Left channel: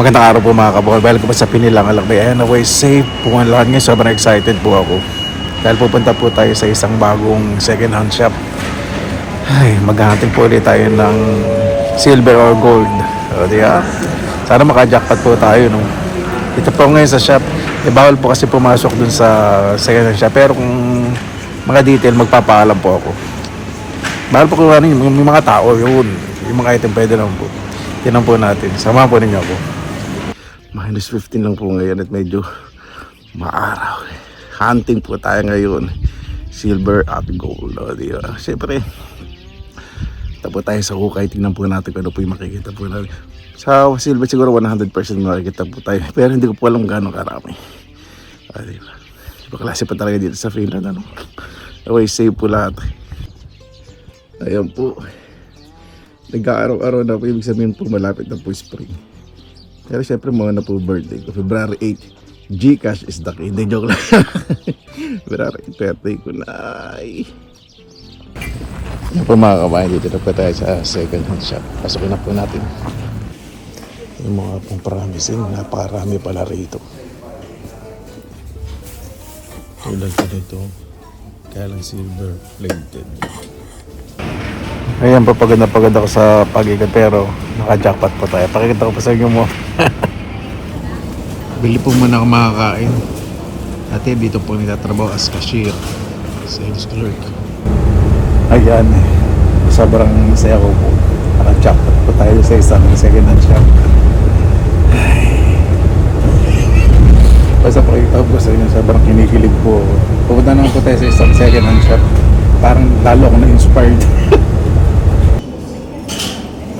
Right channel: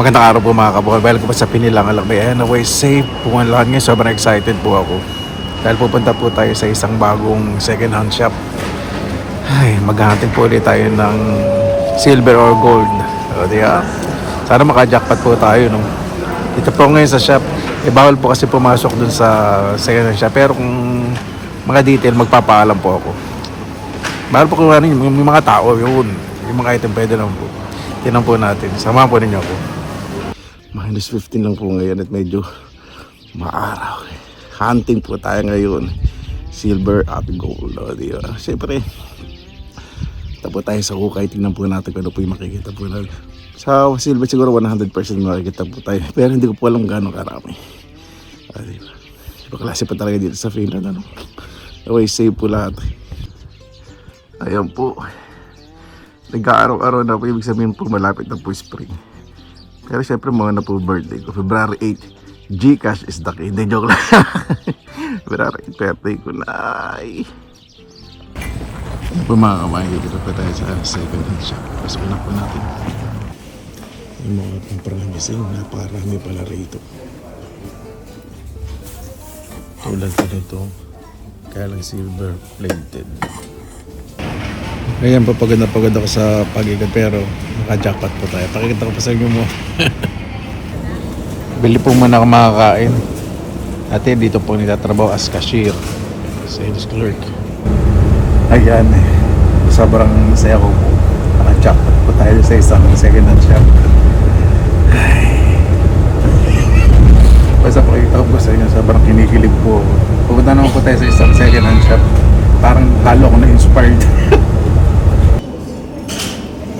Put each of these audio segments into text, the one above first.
Magandang araw po mga kabukal. Balik ko pa sa Pinilang Alakbay. Ayan, away safe po ang lahat ngayon. Sobrang excited po ako. Dahil pupunta po tayo sa isang bagong second hand shop. Ay, maghahanting po ulit tayo ng silver or gold. O diya, sana maka-jackpot po tayo. No? Dito po ngayon sa shop. Bawal po kasi pumasok dun sa second hand shop. Pero kung mga detail, magpapaalam po ako. Bawal po kuha rin yung mga tao. Yun. Yung mga item pwede lang po. Tinan po natin. Samahan po ninyo ako. Minus 15 lang po ngayon at medyo maaraw. Hunting po tayo ngayon. Silver at gold. O, diba? Siyempre, tapo tayo sa hukay. Tingnan po natin kung ano po yung makikita po natin. Sa silver siguro 100% makikita po tayo. Pero hindi ko po alam gano'ng karami. O, diba? Iba klase pa talaga dito sa Finland. Ano? Okay, save po lahat. Ayan po. Nag-aaraw-araw na po. Ibig sabihin po malapit na po spring. Pero syempre mga na po birthday ko. February 8, Gcash is the key. Hindi, joke lang. February 8, birthday ko na. Ano po mga kabayan, dito na po tayo sa second hand shop. Pasok na po natin. Yung mga pong promising, napakarami pala rito. Tulad pa nito, kaya lang silver plated. Ayan, papaganda ko sa pagigan pero naka-jackpot po tayo. Pakikita ko pa sa inyo mo. Bili po muna ako makakain. Ate, dito po nitatrabaho as cashier. Sales clerk. Ayan, sobrang saya ko po. Naka-jackpot po tayo sa isang second hand shop. Basta pakikita ko sa inyo, sobrang kinikilig po. Pupunta naman po tayo sa isang second hand shop. Parang lalo ako na-inspired.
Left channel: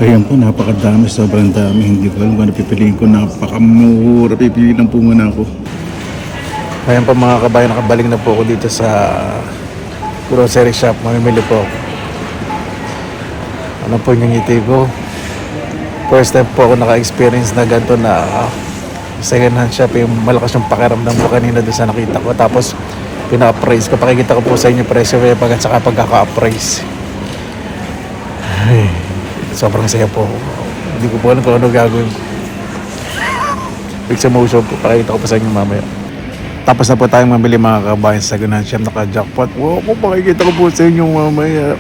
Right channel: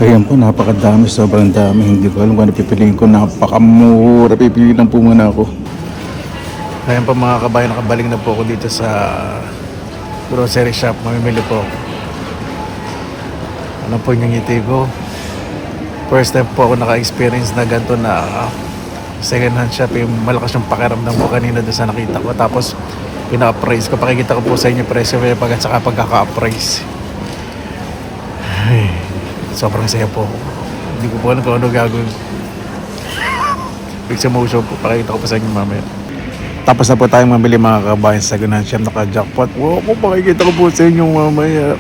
Ayan po, napakadami, sobrang dami. Hindi ko alam kung ano pipiliin ko. Napakamura. Pipiliin lang po muna ako. Ayan po mga kabayan, nakabalik na po ako dito sa grocery shop. Mamimili po ako. Ano po yung ngiti ko? First time po ako naka-experience na ganito na second hand shop. Yung malakas yung pakiramdam ko kanina doon sa nakita ko. Tapos pina-appraise ko. Pakikita ko po sa inyo presyo at saka pagkaka-appraise. Ay, sobrang saya po. Hindi ko po alam kung ano gagawin ko. Fix emotion po. Pakita ko pa sa inyo mamaya. Tapos na po tayong mamili mga kabayan sa second hand shop. Naka-jackpot. Wow, pakikita ko po sa inyo mamaya.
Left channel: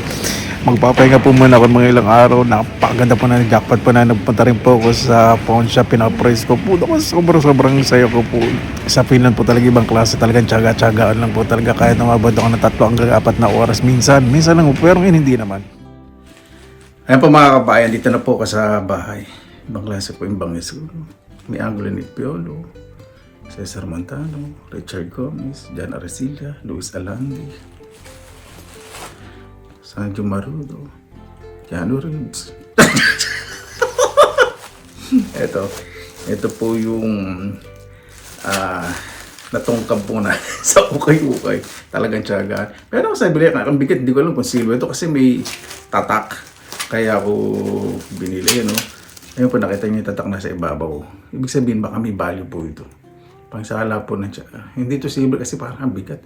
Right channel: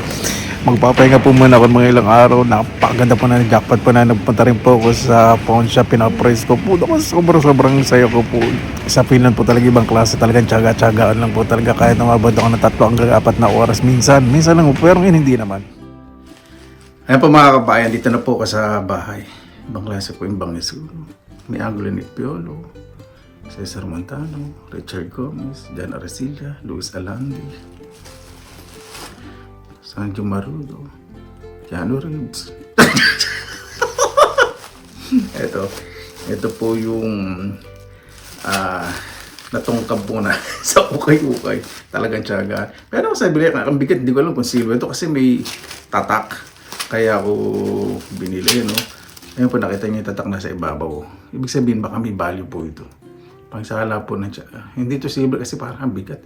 Magpapahinga po muna ako mga ilang araw. Napakaganda po na jackpot po na. Nagpunta rin po ako sa pawn shop. Pina-price ko po. Sobrang saya ko po. Sa Finland po talaga ibang klase. Talagang tsaga-tsagaan lang po talaga. Kahit namabad ako ng 3 hanggang 4 na oras. Minsan lang po. Pero ngayon hindi naman. Ayan po mga kabayan, dito na po ako sa bahay. Ibang klase po yung bangis. May Angulo ni Piolo, Cesar Montano, Richard Gomez, Jan Arcilla, Luis Alandi, Sanjo Marudo, Jano Reeves. ito po yung natungkab po na sa ukay-ukay. Talagang tiyagaan. Pero sabi nila, ang bigat, hindi ko alam kung silver ito kasi may tatak. Kaya ako binili yan, no? Ayun po, nakita niyo yung tatak na sa ibabaw. Ibig sabihin, baka may value po ito. Pangsala po na siya. Hindi ito silver kasi parang bigat.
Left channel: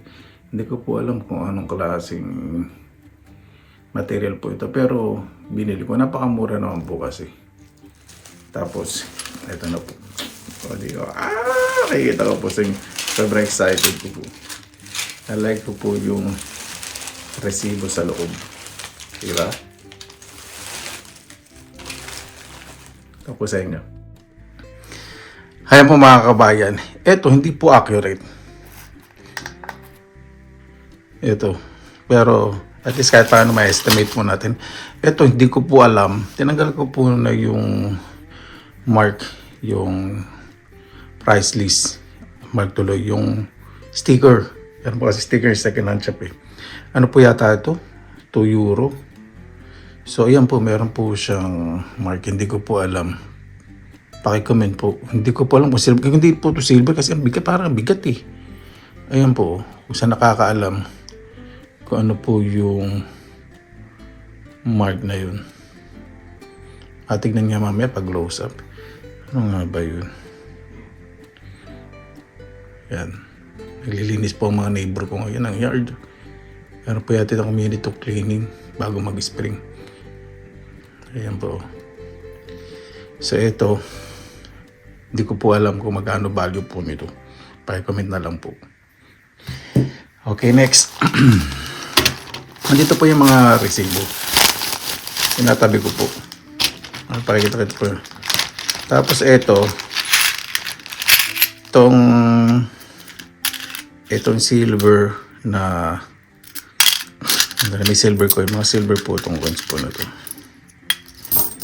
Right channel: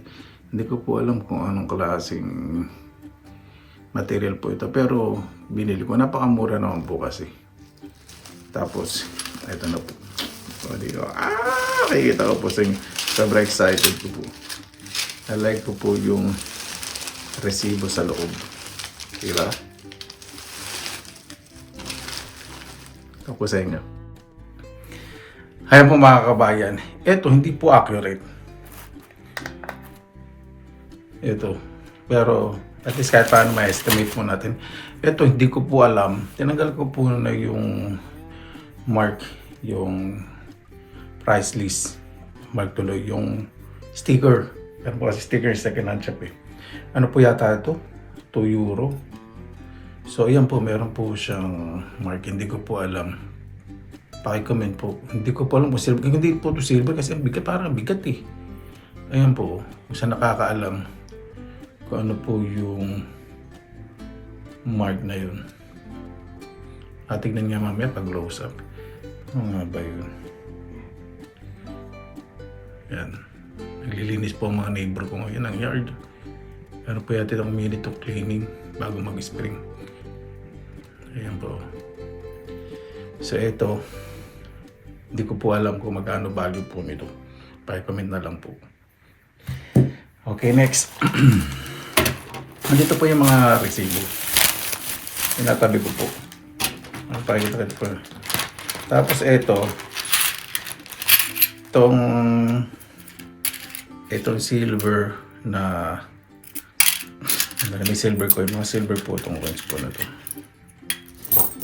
Hindi ko po alam kung anong klaseng material po ito. Pero binili ko. Napakamura naman po kasi. Tapos, ito na po. O, nakikita ko po sa inyo. Sobrang excited ko po. I like ko po yung resibo sa loob. Diba? Tapos sa inyo. Ayan po mga kabayan. Ito hindi po accurate. Ito. Pero at least kahit paano ma-estimate mo natin. Ito hindi ko po alam. Tinanggal ko po na yung mark. Yung price list. Mark tuloy. Yung sticker. Yan po kasi sticker second hand shop eh. Ano po yata ito? 2 euro. So, ayan po, meron po siyang mark. Hindi ko po alam. Paki-comment po. Hindi ko po alam kung silver. Hindi po ito silver kasi ang bigat, parang bigat eh. Ayan po, kung saan nakakaalam kung ano po yung mark na yun. At tignan niya mamaya pag close up. Ano nga ba yun? Yan. Naglilinis po ang mga neighbor ko ngayon ng yard. Meron po yata ng minute of cleaning bago mag-spring. Ayan po. So ito, Hindi ko po alam kung magkano value po nito. Paki-comment na lang po. Okay, next. Nandito po yung mga resibo. Tinatabi ko po. Pakikita ko po. Tapos itong silver na may silver coin. Mga silver po itong coins po na ito.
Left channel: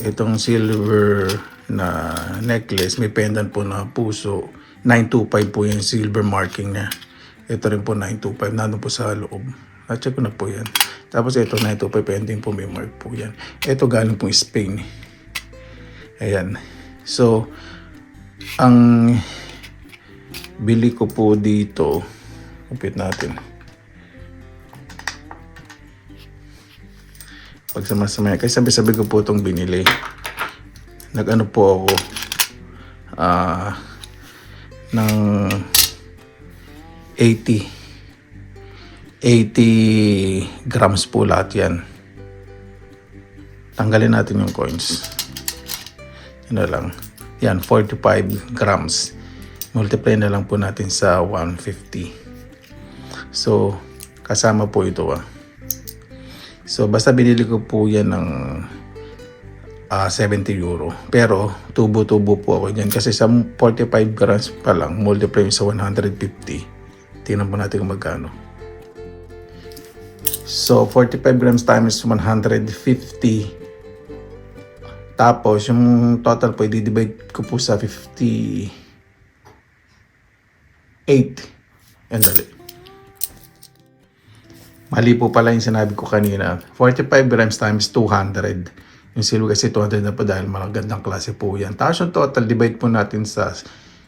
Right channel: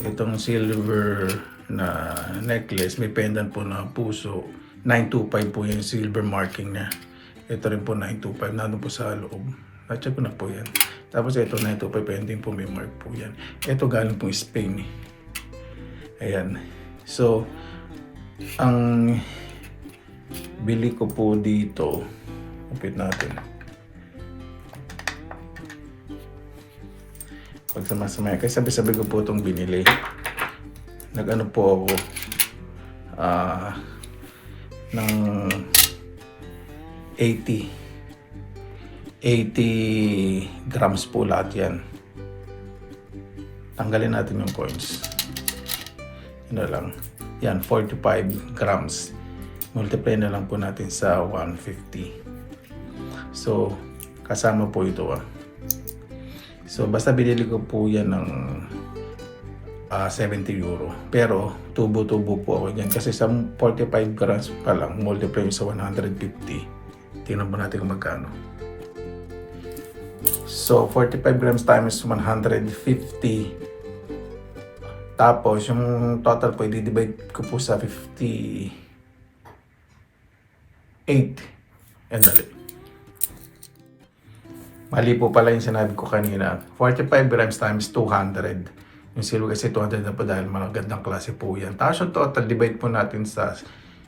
Itong silver na necklace, may pendant po na puso. 925 po yung silver marking niya. Ito rin po 925, nandun po sa loob. Check ko na po yan. Tapos ito 925, pending po may mark po yan. Ito galing po Spain. Ayan. So, ang bili ko po dito, upit natin. Pag samasama, kasi sabi ko po itong binili. Nag-ano po ako ng 80 grams po lahat yan. Tanggalin natin yung coins. Yan na lang. Yan, 45 grams. Multiply na lang po natin sa 150. So, kasama po ito So, basta binili ko po yan ng 70 euro. Pero, tubo-tubo po ako dyan. Kasi sa 45 grams pa lang, multiply sa 150. Tingnan po natin kung magkano. So, 45 grams times 150. Tapos, yung total po, i-divide ko po sa 58. Yan dali. Mali po pala yung sinabi ko kanina. 45 grams times 200. Yung silver kasi 200 na po dahil magandang klase po yan. Tapos yung total, divide po natin sa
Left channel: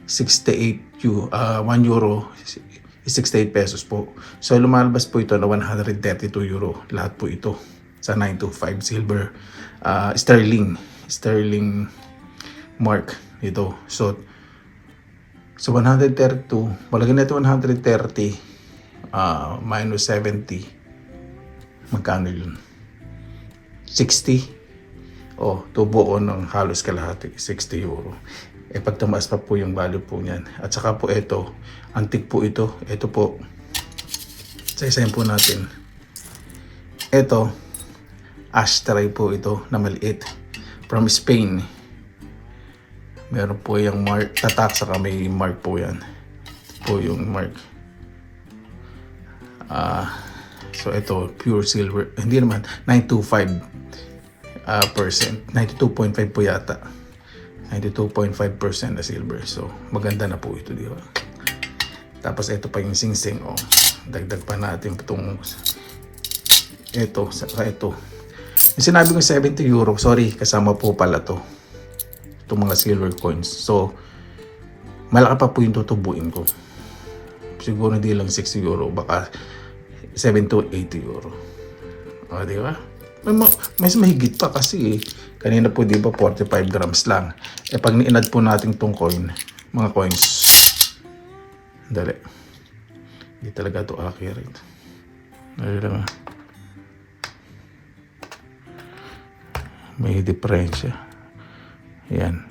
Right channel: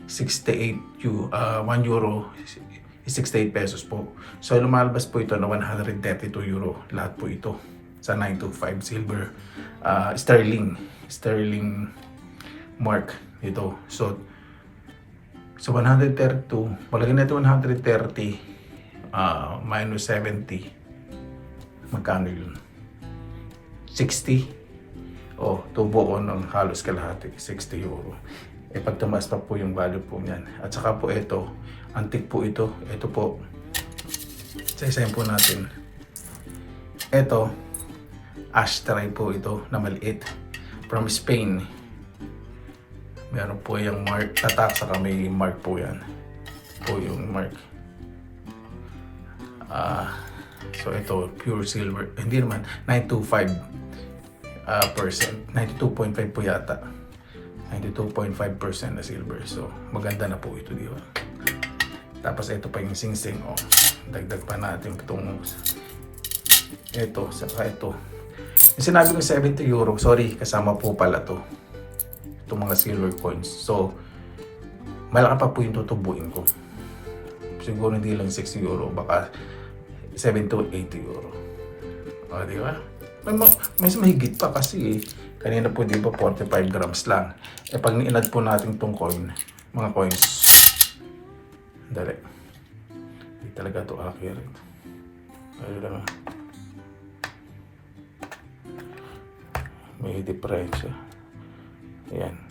68 1 euro. 68 pesos po. So lumalabas po ito na 132 euro. Lahat po ito sa 925 silver sterling mark ito. So 132, malagyan na ito 130 minus 70. Magkano yun? 60. Tubo ko ng halos kalahati, 60 euro. Pag tumaas pa po yung value po niyan. At saka po ito, antique po ito. Ito po, sa-isayin po natin. Ito, ashtray po ito na maliit. From Spain. Meron po yung mark, tatak, saka may mark po yan. Po yung mark. So ito, pure silver. Hindi naman, 925%. 92.5 po yata. 92.5% na silver. So, maganda na po ito, di ba? Tapos, ito pa yung sing-sing. Dagdag pa natin itong ito, saka ito. Yung sinabi ko 70 euro, sorry, kasama po pala to. Itong mga silver coins. So, malaki pa po yung tutubuin ko. Siguro hindi lang 60 euro, baka 70 to 80 euro. Di ba? Mas mahigit pa kasi kanina po di ba 45 grams lang. Pag ni-add po natin tong coin, mga coins, dali. Hindi talaga to accurate. Dali lang. May diferensya. Yan.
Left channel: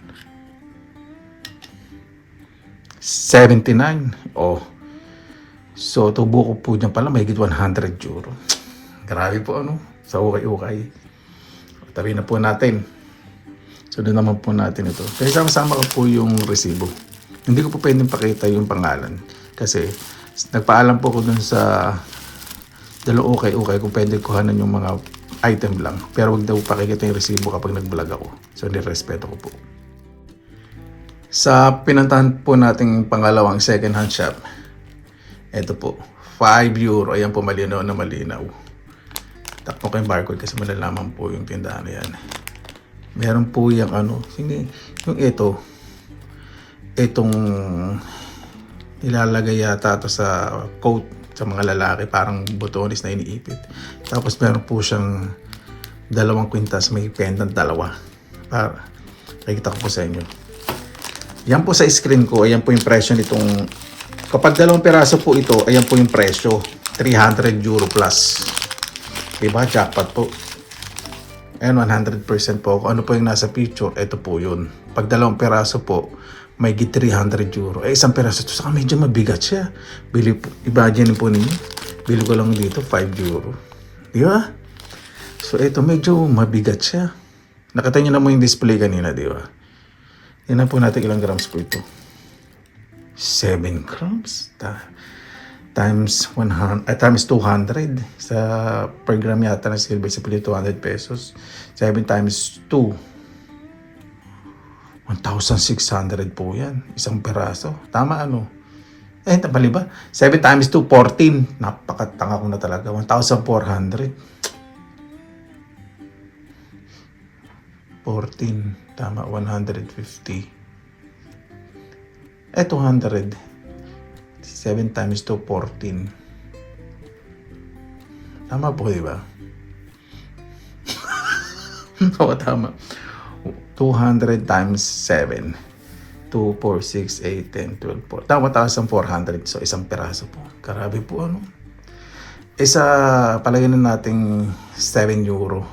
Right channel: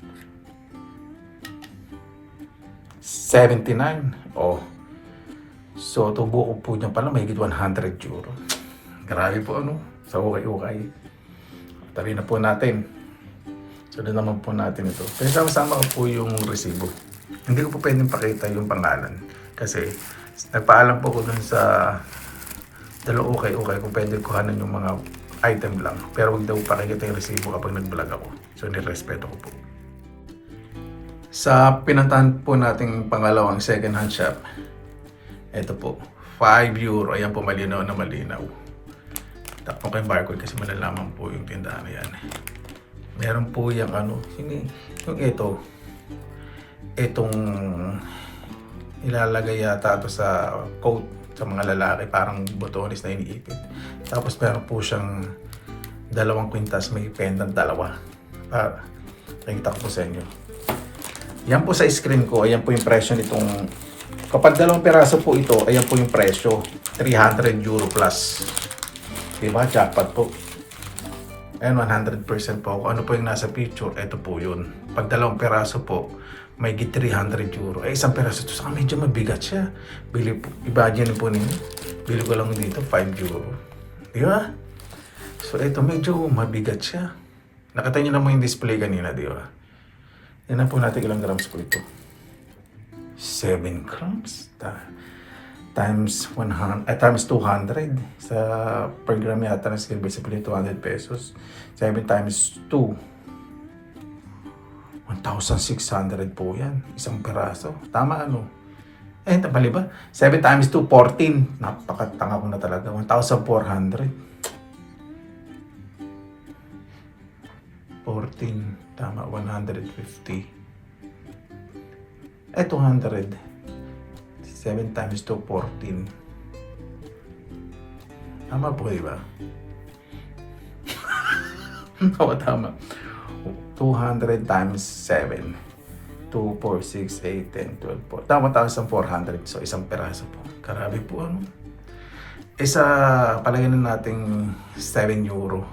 79. So, tubo ko po dyan pala, mahigit 100 euro. Grabe po sa ukay-ukay. Tabi na po natin. So doon naman po natin ito. Kaya sama-sama ko po yung resibo. Hindi ko po pwedeng pakita yung pangalan. Kasi nagpaalam po ko dun sa dalawang ukay-ukay kung pwede kuhanin yung mga item lang. Pero huwag daw pakikita yung resibo kapag nag-vlog ako. So nirespeto ko po. Sa pinuntahan po nating pangalawang second hand shop, ito po, 5 euro. Ayan po, malinaw na malinaw. Takpo ko yung barcode kasi malalaman po yung tindahan na yan. Meron po yung hindi, yung itong nilalagay yata ito sa coat sa mga lalaki, parang botones na iniipit. Tapos meron po siyang 2 kwintas, may pendant 2. Nakikita ko po sa inyo. Yan po sa screen ko, ayan po yung presyo nitong, kapag 2 peraso po ito, ayan po yung presyo, 300 euro plus. Diba? Jackpot po. Ayan, 100% po ako. Ano po yung nasa picture? Ito po yun. Pag 2 peraso po, may 300 euro. Isang peraso ito, saka medyo mabigat siya. Bili po, imagine po ninyo. Bili ko lang dito, 5 euro. Di ba? So, ito medyo mabigat siya. Nakita nyo na mo yung display kanina, di ba? Tingnan po natin ilang grams po ito. 7 grams. Times 200 sa per gram yata ng silver sa pili 200 pesos. 7 times 2 1,600 po yan. Isang peraso. Tama ano? Mali ba? 7 times 2 14. Napakatanga ko na talaga. 1,400. 14. Tama. 150. 200. 7 times 2, 14. Tama po, di ba? Oo, tama. 200 times 7. 2, 4, 6, 8, 10, 12, 4. Tama, 1,400. So, isang peraso po. Grabe po, ano? Palagay na natin 7 euro.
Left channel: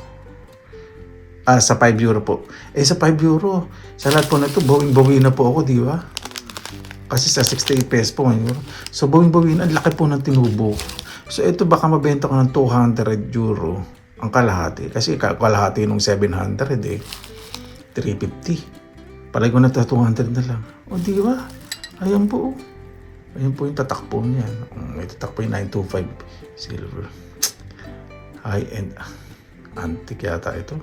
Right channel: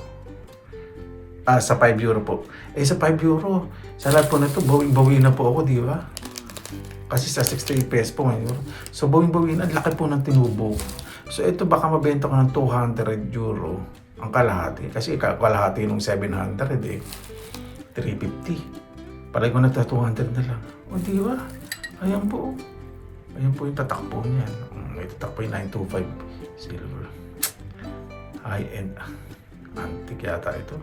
Sa 5 euro po. Sa 5 euro, sa lahat po na ito, bawing-bawi na po ako, di ba? Kasi sa 68 pesos po ngayon. So, bawing-bawin, ang laki po ng tinubo. So, ito baka mabenta ko ng 200 euro ang kalahati. Kasi kalahati nung 700 eh. 350. Palagi ko na 200 na lang. O, di ba? Ayan po. Ayan po yung tatakpo niya. May tatakpo yung 925 silver. High-end. Antique yata ito.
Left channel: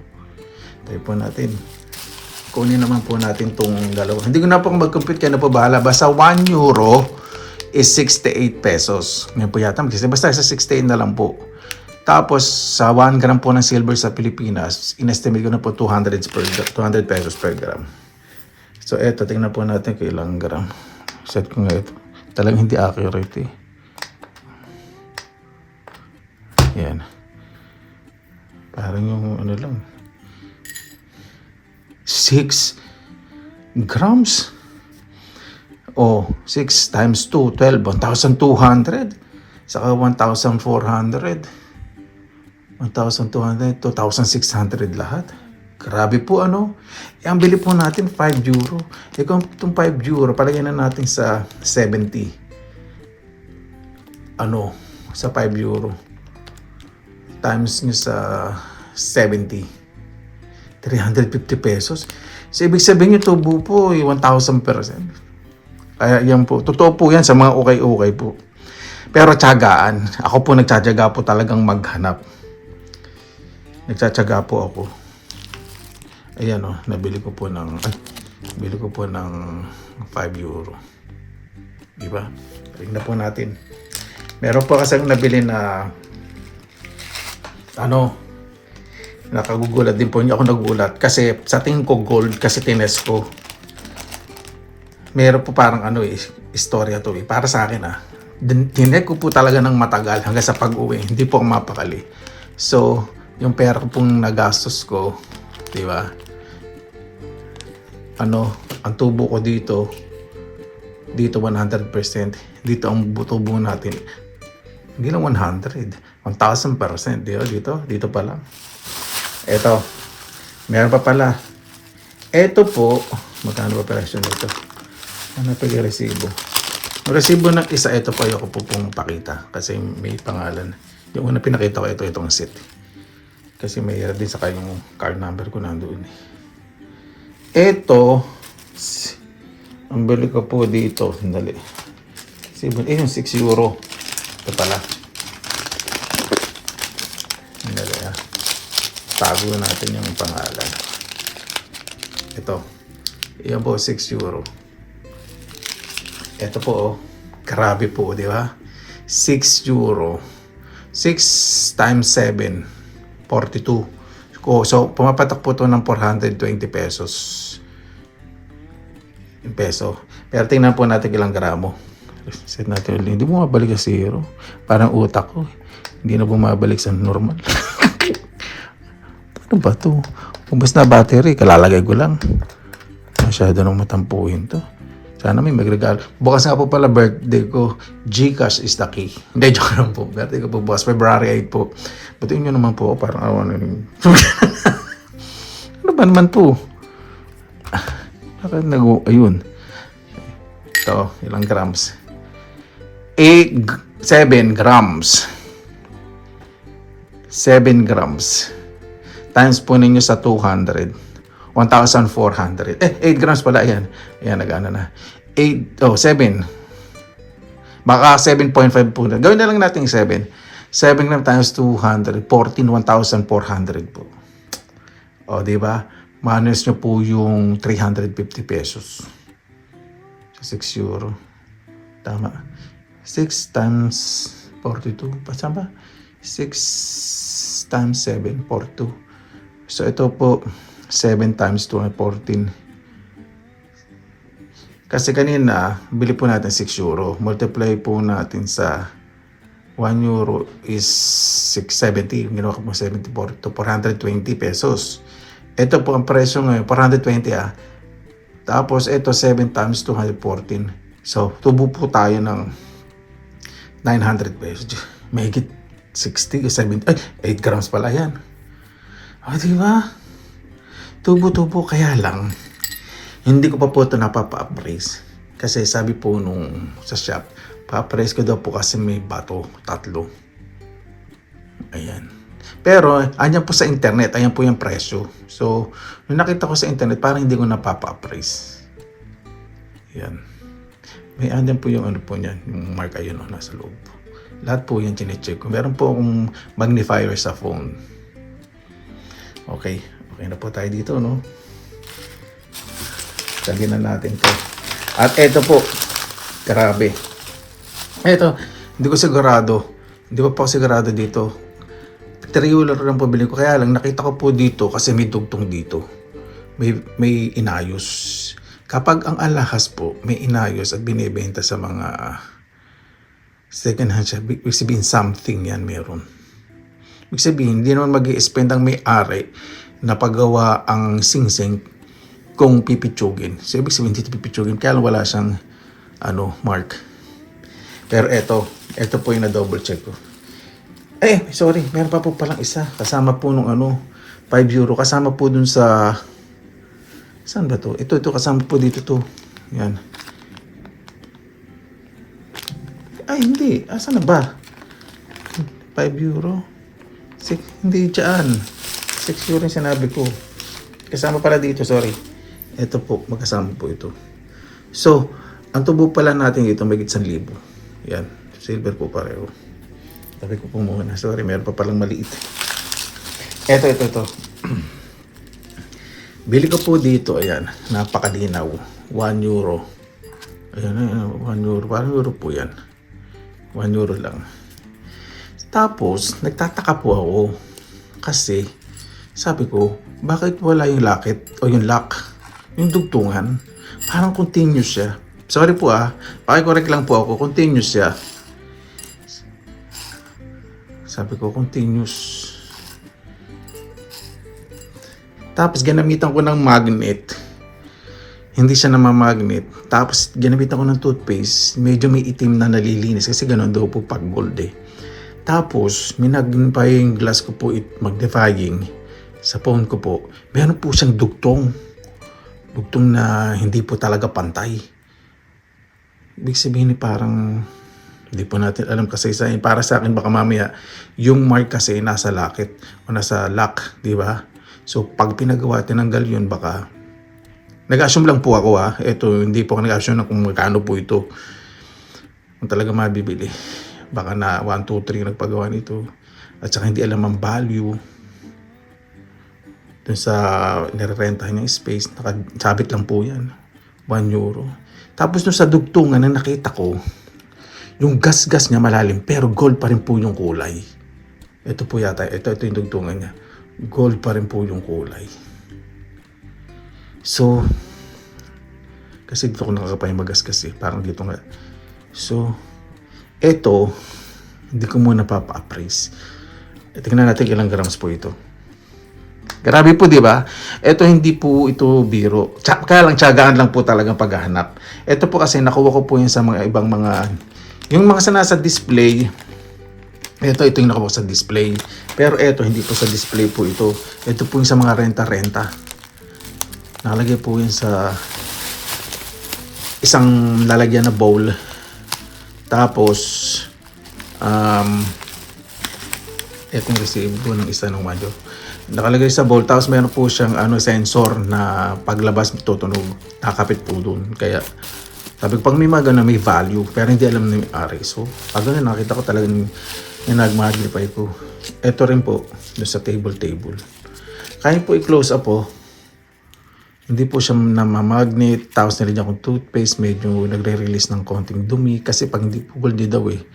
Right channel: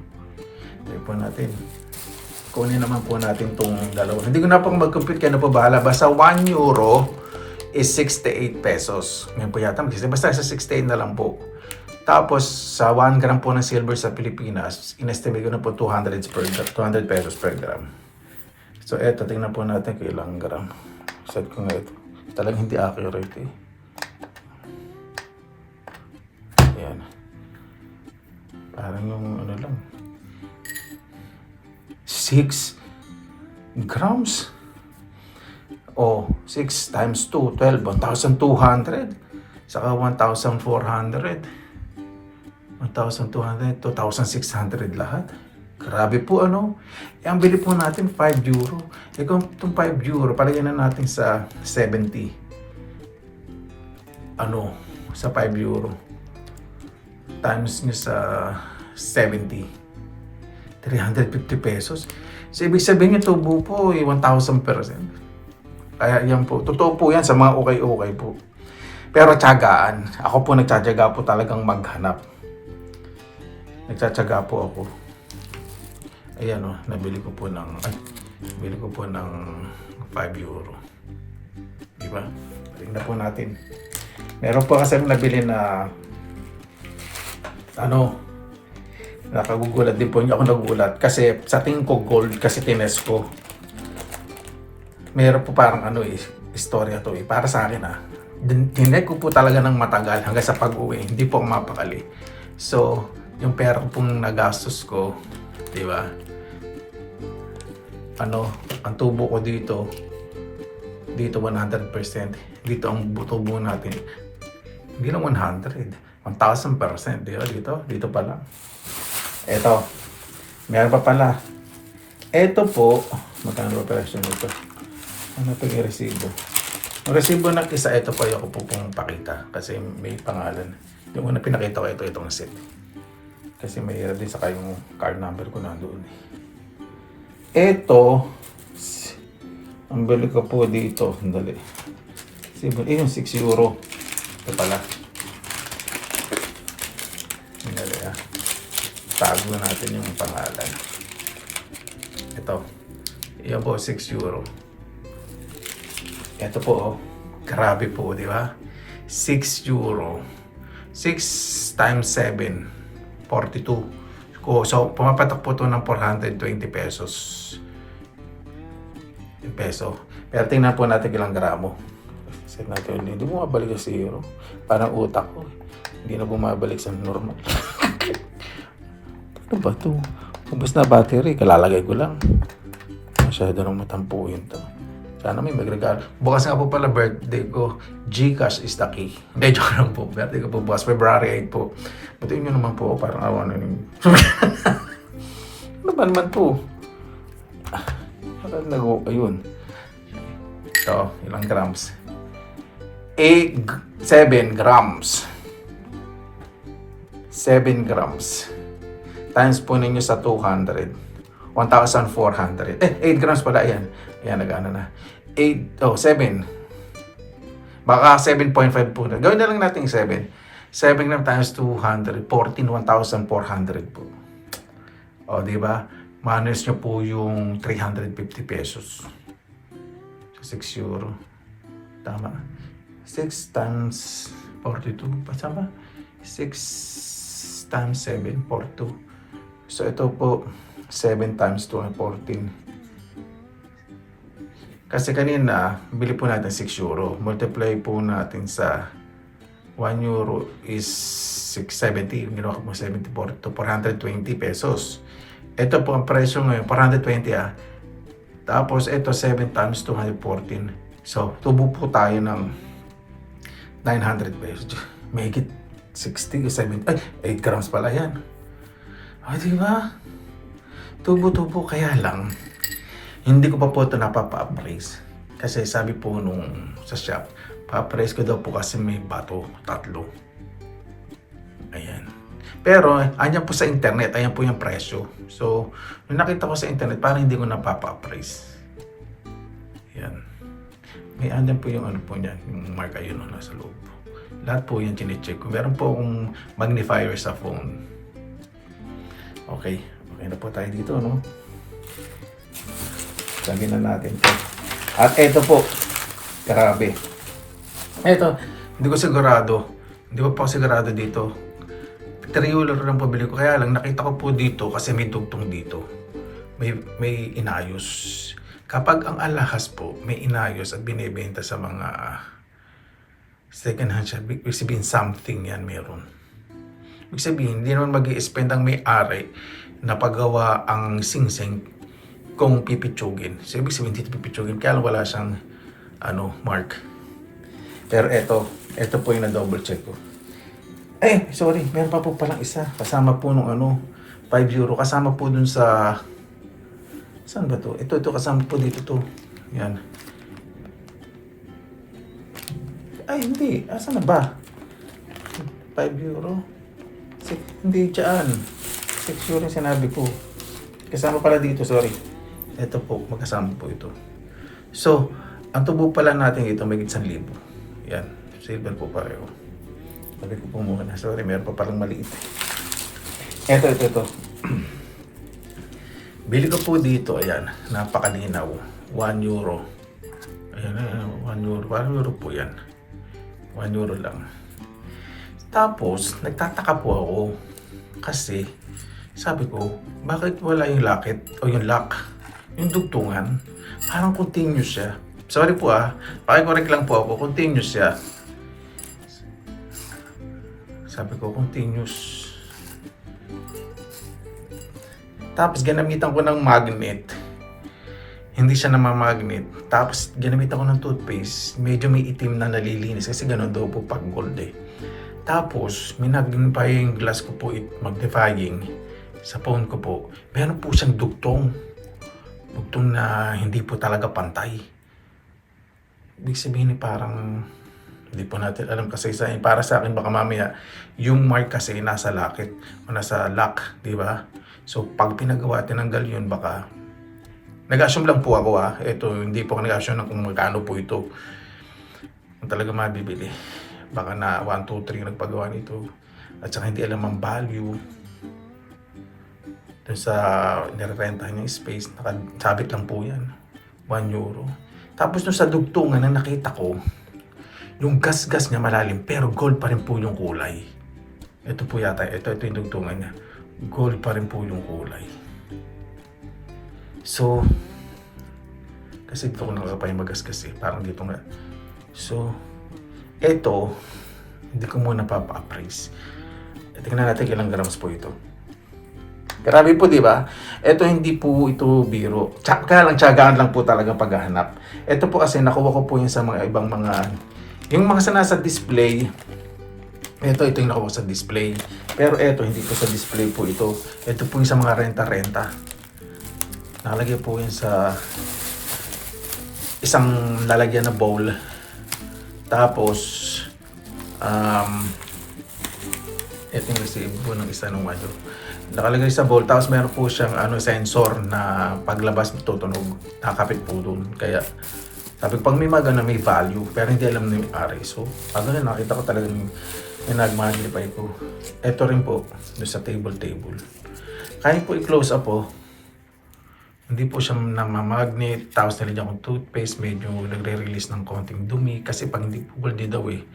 Tayo po natin. Kunin naman po natin itong dalawa. Hindi ko na pong mag-compute, kaya na po bahala. Basta 1 euro is 68 pesos. Ngayon po yata, basta sa 68 na lang po. Tapos, sa 1 gram po ng silver sa Pilipinas, inestimate ko na po 200 pesos per gram. So, eto, tingnan po natin kung ilang gram. Set ko nga ito. Talagang hindi accurate eh. Yan. Parang yung ano lang. 6 grams. 6 times 2, 12, 1,200. Saka 1,400. 1,200, 2,600 lahat. Grabe po ano. Ang bili po natin 5 euro. Kung itong 5 euro, palagyan na natin sa 70. Sa 5 euro. Times nyo sa 70. 350 pesos. So, ibig sabihin yung tubo po, 1,000%. Kaya yan po. Totoo po yan sa mga ukay-ukay po. Pero tiyagaan. Ako po nagtsatsaga po talagang maghanap. Nagtsatsaga po ako. Ayan nabili ko po ng 5 euro. Diba? Tingnan po natin. Meron po kasi nabili na nakagugulat din po. Hindi ako nagulat. Kasi sa tingin ko gold, kasi tines ko. Meron po parang istorya to eh. Para sa akin Tinek ko po talaga ng matagal hanggang sa pag-uwi. Hindi po ako mapakali. So, yung pera pong nagastos ko, di ba? Ang tubo ko dito 100%. Dito ang tubo natin. Hindi lang 100. 1,000%. Di ba? Dito pa lang. Eto, meron pa pala. Eto po, magkano ba presyo nito? Ano pa yung resibo? Yung resibo ng isa, ito pa yung po pong pakita. Kasi may pangalan. Yung una pinakita ko, itong set. Kasi may din saka yung card number ko nandoon. Eto, ang bili ko po dito, sandali. Yung 6 euro. Ito pala. Sandali tago natin yung pangalan. Ito. Yan po, 6 euro. Ito po, grabe po, di ba? 6 euro. 6 times 7, 42. So, pumapatak po ito ng 420 pesos. Peso. Pero tingnan po natin ilang gramo. Set natin ulit. Hindi bumabalik sa zero. Parang utak ko. Hindi na bumabalik sa normal. Ano ba ito? Kung basta battery, kalalagay ko lang. Masyado nang matampuhin to. Sana may magregalo. Bukas nga po pala birthday ko. GCash is the key. Hindi, joke lang po. Birthday ko po bukas. February 8 po. Butiin nyo naman po. Parang awa na yun. naman to. Ayun. Ito, ilang grams? 7 grams. 7 grams. Times po ninyo sa 200. 1,400. 8 grams pala. Ayan. Ayan, nag-ano na. 7. Baka 7.5 po na. Gawin na lang natin 7. 7 grams times 200. 1,400 po. O, di ba? Minus nyo po yung 350 pesos. 6 euro. Tama. 6 times 42. Pasama ba? 6 times 7, 42. So, ito po, 7 times 2, 14. Kasi kanina, bili po natin 6 euro. Multiply po natin sa 1 euro is 670. Ginawa ko po 74 to 420 pesos. Ito po ang presyo ngayon, 420 Tapos ito 7 times 214. So, tubo po tayo ng 900 pesos. May higit 60, 70, 8 grams pala yan. O, diba? Tubo-tubo, kaya lang, hindi ko pa po ito napapa-appraise. Kasi sabi po nung sa shop, pa-appraise ko daw po kasi may bato, 3. Ayan. Pero, andyan po sa internet, ayan po yung presyo. So, nung nakita ko sa internet, parang hindi ko napapa-appraise. Ayan. May andyan po yung ano po niyan, yung mark ayun nasa loob. Lahat po yan chinecheck ko. Meron po akong magnifier sa phone. Okay. Okay na po tayo dito, no? Lagyan na natin ito. At eto po. Grabe. Eto, hindi ko sigurado. Hindi ko pa sigurado dito. 3 euro lang po bili ko. Kaya lang, nakita ko po dito kasi may dugtong dito. May inayos. Kapag ang alahas po, may inayos at binibenta sa mga second hand siya, ibig sabihin something yan meron. Ibig sabihin, hindi naman mag-i-spend ang may-ari na paggawa ang singsing kung pipitsugin. So, ibig sabihin, hindi pipitsugin, kaya wala siyang mark. Pero ito po yung na-double check ko. Sorry, meron pa po palang isa. Kasama po nung 5 euro. Kasama po dun sa... Saan ba to? Ito, kasama po dito to. Yan. Hindi. Asan na ba? 5 euro? Hindi dyan. 6 euro yung sinabi ko. Kasama pala dito, sorry. Ito po, magkasama po ito. So, ang tubo pala natin dito, may 1,000. Yan. Silver po pareho. Sabi ko po muna. Sorry, meron pa palang maliit. Ito. Bili ko po dito, ayan, napakalinaw. 1 euro. Ayan, 1 euro. 1 euro po yan. 1 euro lang. Tapos, nagtataka po ako. Kasi, sabi ko, bakit wala yung locket o yung lock? Yung dugtungan. Parang continuous siya. Sorry po pakicorrect lang po ako. Continuous siya. Sabi ko, continuous. Tapos ginamitan ko ng magnet. Hindi siya namamagnet. Tapos ginamitan ko ng toothpaste. Medyo may itim na nalilinis. Kasi gano'n daw po pag gold Tapos minagin pa yung glass ko po magnifying sa phone ko po. Meron po siyang dugtong. Dugtong na hindi po talaga pantay. Ibig sabihin parang hindi po natin alam kasi para sa akin baka mamaya yung mark kasi nasa locket o nasa lock, di ba? So, pag pinagawa, tinanggal yun, baka... Nag-assume lang po ako Ito, hindi po ako nag-assume na kung magkano po ito. Kung talaga mabibili. Baka na 1, 2, 3 nagpagawa nito. At saka hindi alam ang value. Doon sa nirerentahan yung space, nakasabit lang po yan. 1 euro. Tapos doon sa dugtungan na nakita ko, yung gas-gas niya malalim, pero gold pa rin po yung kulay. Ito po yata, ito yung dugtungan niya. Gold pa rin po yung kulay. So, kasi dito ko nakakapahimagas kasi, parang dito nga. So, ito, hindi ko muna papa-appraise. Tingnan natin ilang grams po ito. Grabe po, di ba? Ito hindi po ito biro. Kaya lang tiyagaan lang po talagang paghahanap. Ito po kasi nakuha ko po yun sa mga ibang mga, yung mga nasa display. Ito yung nakuha sa display. Pero ito, hindi po sa display po ito. Ito po yung sa mga renta-renta. Nalagay po yan sa isang lalagyan na bowl. Tapos, etong resibo ng isa ng module. Nakalagay sa bowl, tapos meron po siyang sensor na paglabas tutunog, nakakapit po doon. Kaya, sabi pag may mga may value, pero hindi alam na yung ari. So, habang na nakita ko talagang yung nag-magnify ko. Ito rin po, doon sa table. Kaya po i-close up po. Hindi po siya namamagnet, tapos nilagyan akong toothpaste, medyo nagre-release ng konting dumi kasi pag hindi po gold daw eh.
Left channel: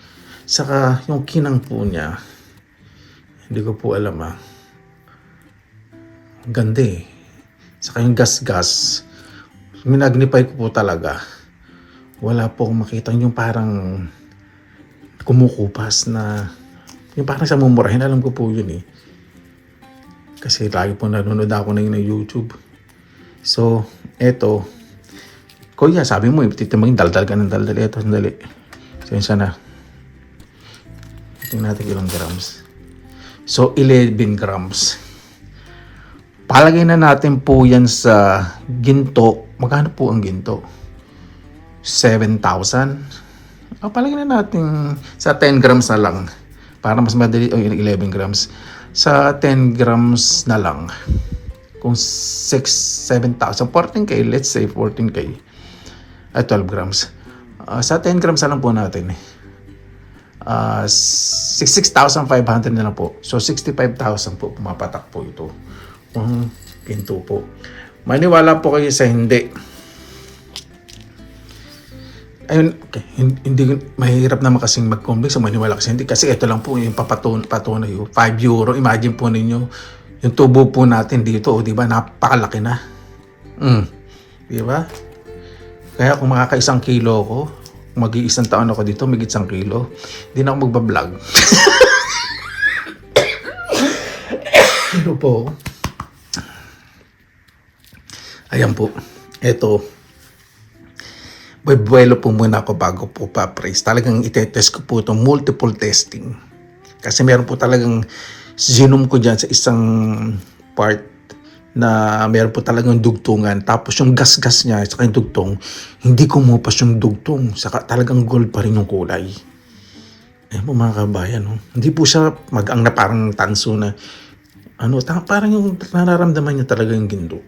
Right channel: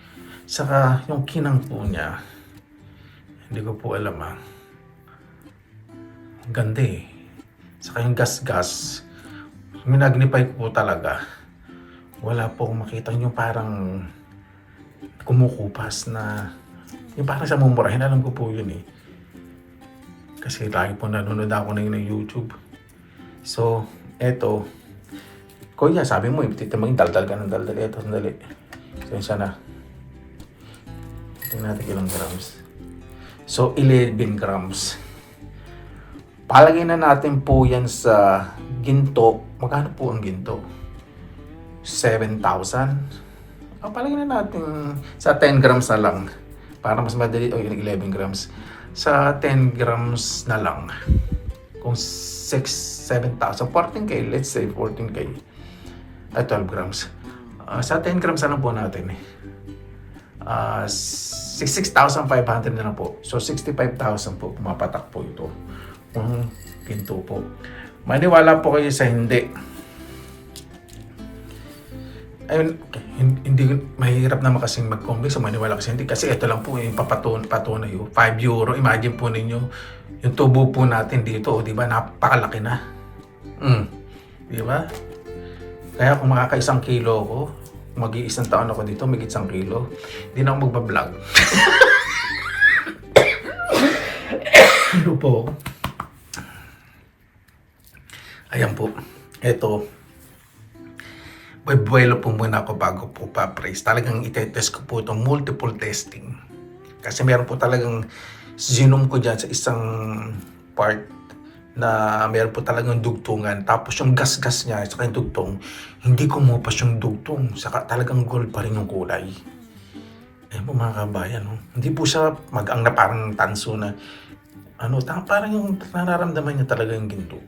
Saka yung kinang po niya, hindi ko po alam ganda eh. Saka yung gas-gas, minagnify ko po talaga. Wala po akong makita yung parang kumukupas na, yung parang sa mumurahin, alam ko po yun eh. Kasi lagi po nanonood ako na yun ng YouTube. So, eto. Kuya, sabi mo, titimagin, daldal ka ng daldal. Eto, sandali. Sensya na. Tingnan natin ilang grams. So, 11 grams. Palagay na natin po yan sa ginto. Magkano po ang ginto? 7,000. Palagay na natin sa 10 grams na lang. Para mas madali, 11 grams. Sa 10 grams na lang. Kung 7,000, 14K, let's say 14K, 12 grams. Sa 10 grams na lang po natin. 6,500 na lang po. So, 65,000 po pumapatak po ito. Ang pinto po. Maniwala po kayo sa hindi. Ayun, hindi mahirap naman kasing mag-complex so maniwala kasi hindi. Kasi ito lang po yung patunay. 5 euro. Imagine po ninyo, yung tubo po natin dito, di ba? Napakalaki na. Di ba? Kaya kung makaka-1 kilo ako, mag-iisang taon ako dito, may 1 kilo, hindi na ako magbablog. Ano po? Ayan po. Eto. Buwelo po muna ako bago po pa-praise. Talagang itetest ko po ito, multiple testing. Kasi meron po talagang zoom ko dyan sa isang part na meron po talagang dugtungan. Tapos yung gas-gas niya sa yung dugtong, hindi kumupas yung dugtong. Saka talagang gold pa rin yung kulay. Ayan po mga kabayan. Hindi po siya mag-ang na parang tanso na parang yung nararamdaman niya talaga yung ginto.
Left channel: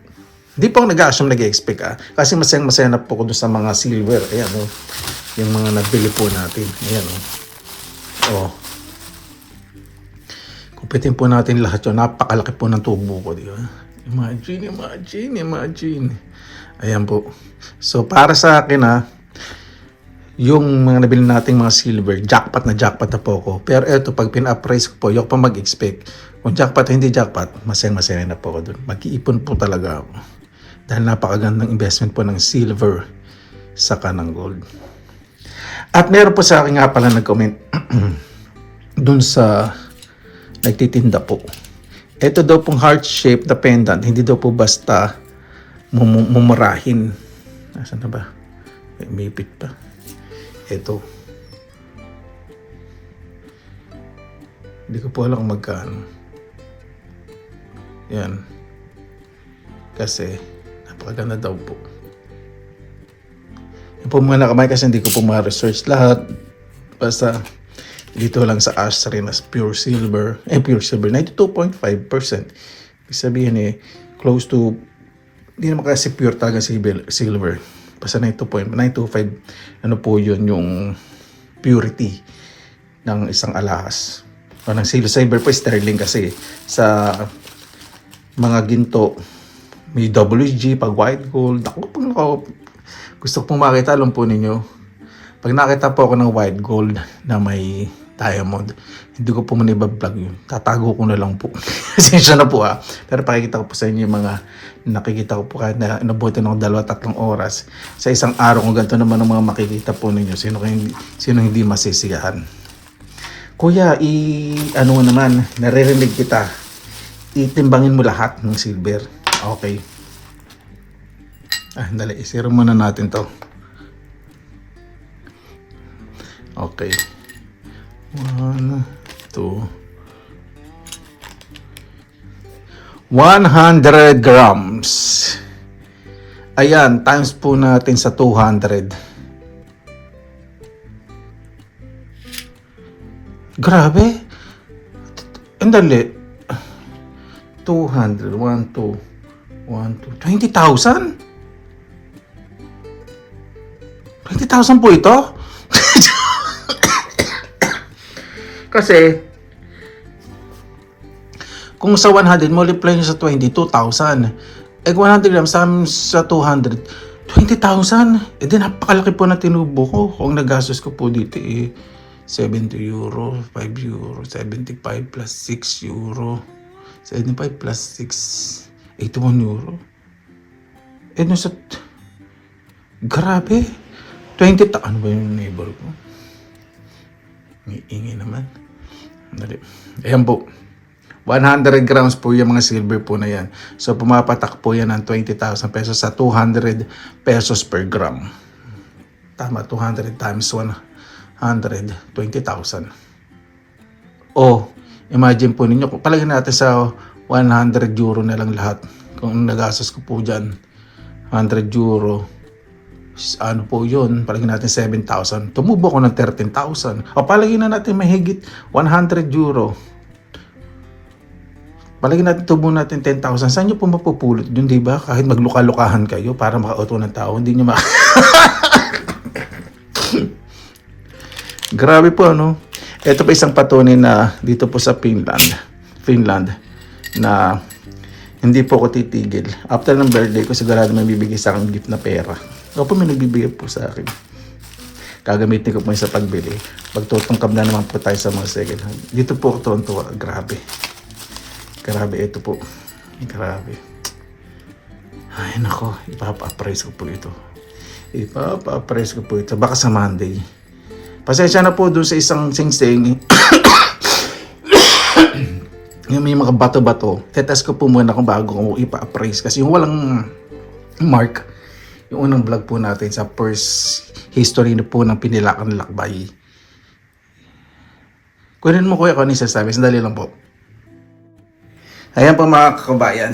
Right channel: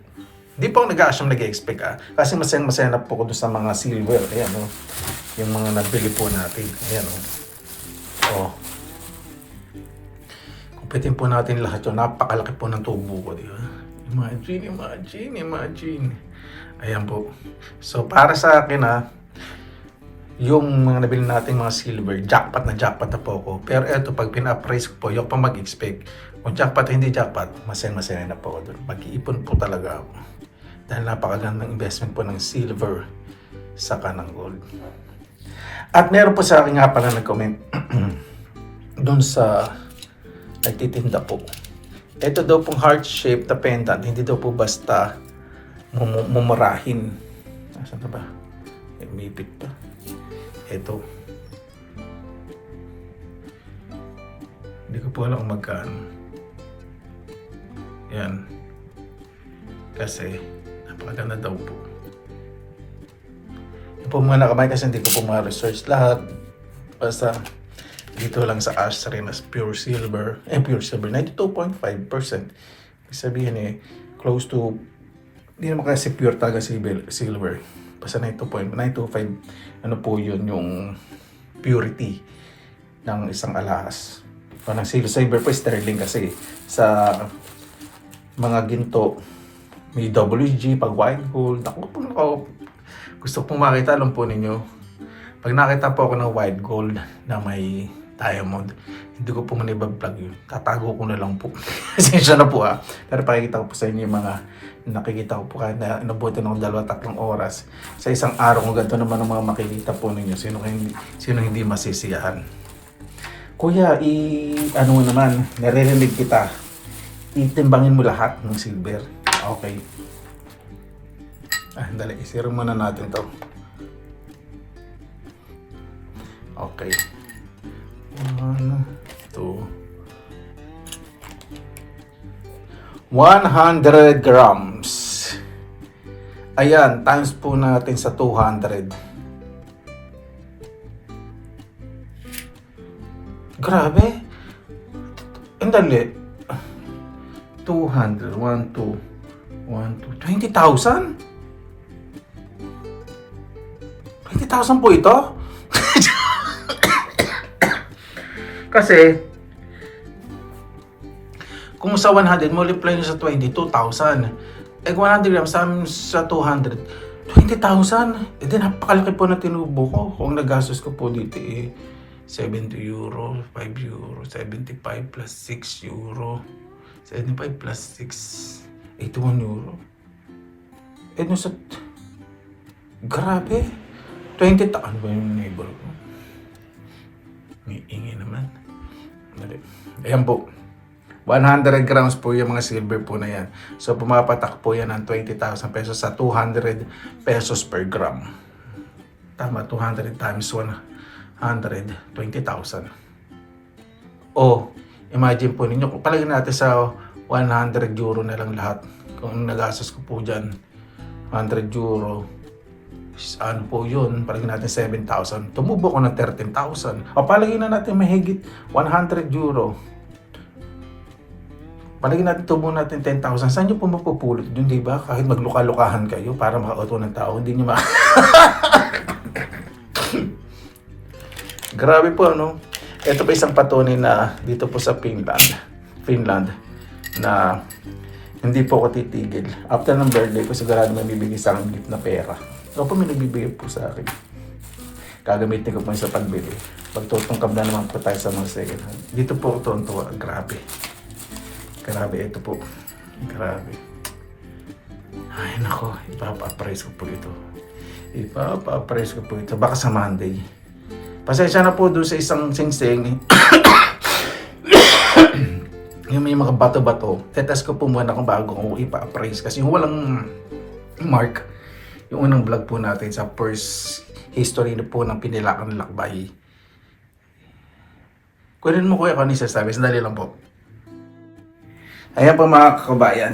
Hindi po ako nag-assume, nag-expect kasi masaya na po ko doon sa mga silver. Ayan yung mga nabili po natin. Ayan Kumpitin po natin lahat yun. Napakalaki po ng tubo ko, di ba? Imagine. Ayan po. So, para sa akin yung mga nabili nating mga silver, jackpot na po ako. Pero eto, pag pina-appraise ko po, yung pa mag-expect. Kung jackpot o hindi jackpot, masaya na po ako doon. Mag-iipon po talaga ako. Dahil napakagandang investment po ng silver saka ng gold. At meron po sa akin nga pala nag-comment doon sa nagtitinda po. Ito daw pong heart-shaped na pendant, hindi daw po basta mumurahin. Nasaan na ba? May pit pa. Ito. Hindi ko po alam kung magkano. Yan. Kasi, napakaganda daw po. Po muna kamay kasi hindi ko po ma-research lahat. Basta, dito lang sa Ashray mas pure silver. Pure silver, 92.5%. Ibig sabihin close to, hindi naman kasi pure talaga silver. Basta 92.925, po yun yung purity ng isang alahas. Ng silver po, sterling kasi. Sa mga ginto, may WG, pag white gold. Gusto pong makita, alam po ninyo. Pag nakita po ako ng white gold na may diamond, hindi ko po manibablog yun. Tatago ko na lang po. Pasensya na po Pero pakikita ko po sa inyo yung mga nakikita ko po kahit na nabuti ng 2-3 oras. Sa isang araw kung ganito naman ang mga makikita po ninyo. Sino hindi masisiyahan. Kuya, naman, naririnig kita. Itimbangin mo lahat ng silver. Okay. Dali, isiro muna natin to. Okay. 1, 2, 100 grams. Ayan, times po natin sa 200. Grabe. Ang dali. 200, 1, 2, 20,000? 20,000 po ito? Kasi, kung sa 100, multiply nyo sa 22,000. Eh, 100 grams sa 200, 20,000. Eh, di napakalaki po na tinubo ko. Kung nagastos ko po dito eh, 70 euro, 5 euro, 75 plus 6 euro, 75 plus 6, 81 euro. Eh, no sa... Grabe. 20,000. Ano ba yung neighbor ko? May ingay naman. Dali. Ayan po. 100 grams po yung mga silver po na yan. So, pumapatak po yan ng 20,000 pesos sa 200 pesos per gram. Tama, 200 times 100, 20,000. O, imagine po ninyo, kung palagyan natin sa 100 euro na lang lahat. Kung nagastos ko po dyan, 100 euro, ano po yun, palagyan natin 7,000. Tumubo ko ng 13,000. O, palagyan na natin mahigit 100 euro. Palagyan natin tubo natin 10,000. Saan nyo po mapupulot dun, di ba? Kahit magluka-lukahan kayo para maka-auto ng tao, hindi nyo Grabe po, no? Ito pa isang patunay na dito po sa Finland, na hindi po ako titigil. After ng birthday ko, sigurado may bibigay sa akin gift na pera. O po may nagbibigay po sa akin. Gagamitin ko po sa pagbili. Magtutungkam na naman po tayo sa mga second hand. Dito po ako tuwan-tuwa. Grabe. Grabe, ito po. Grabe. Ay, nako. Ipapa-appraise ko po ito. Ipapa-appraise ko po ito. Baka sa Monday. Pasensya na po doon sa isang sing-sing. Yung may mga bato-bato. Tetest ko po muna kung bago ko ipa-appraise. Kasi yung walang mark, yung unang vlog po natin sa first history na po ng Pinilakan Lakbay. Kunin mo kuya kung ano yung sasabi. Sandali lang po. Ayan po mga kakabayan.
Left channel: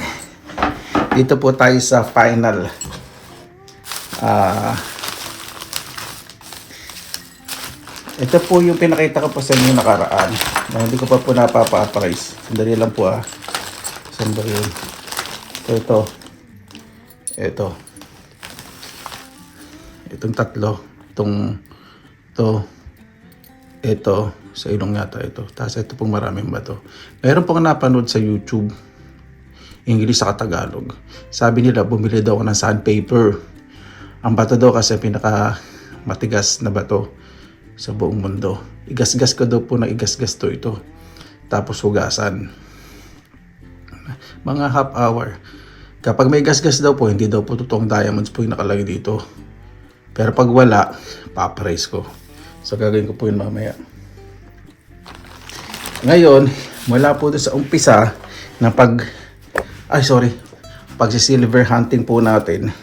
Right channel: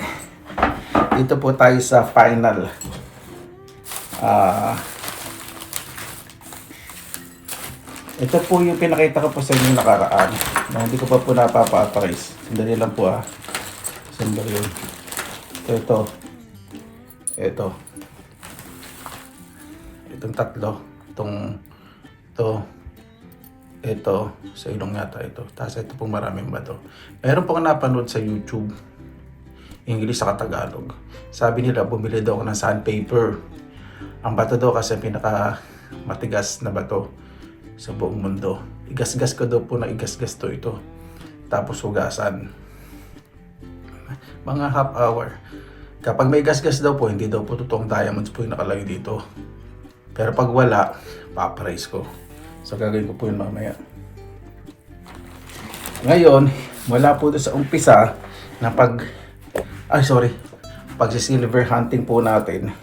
Dito po tayo sa final. Ito po yung pinakita ko po sa inyo nakaraan. Hindi ko pa po napapa-appraise. Sandali lang po Sandali. Ito. Itong tatlo. Ito, sa ilong yata ito. Tapos ito pong maraming bato. Meron pong napanood sa YouTube, English sa Tagalog. Sabi nila, bumili daw ako ng sandpaper. Ang bato daw kasi pinaka matigas na bato sa buong mundo. Igasgas ko daw po na igasgas to ito. Tapos hugasan. Mga half hour. Kapag may gasgas daw po, hindi daw po totoong diamonds po yung nakalagay dito. Pero pag wala, pa-appraise ko. So gagawin ko po yun mamaya. Ngayon, mula po sa umpisa na pag-silver hunting po natin,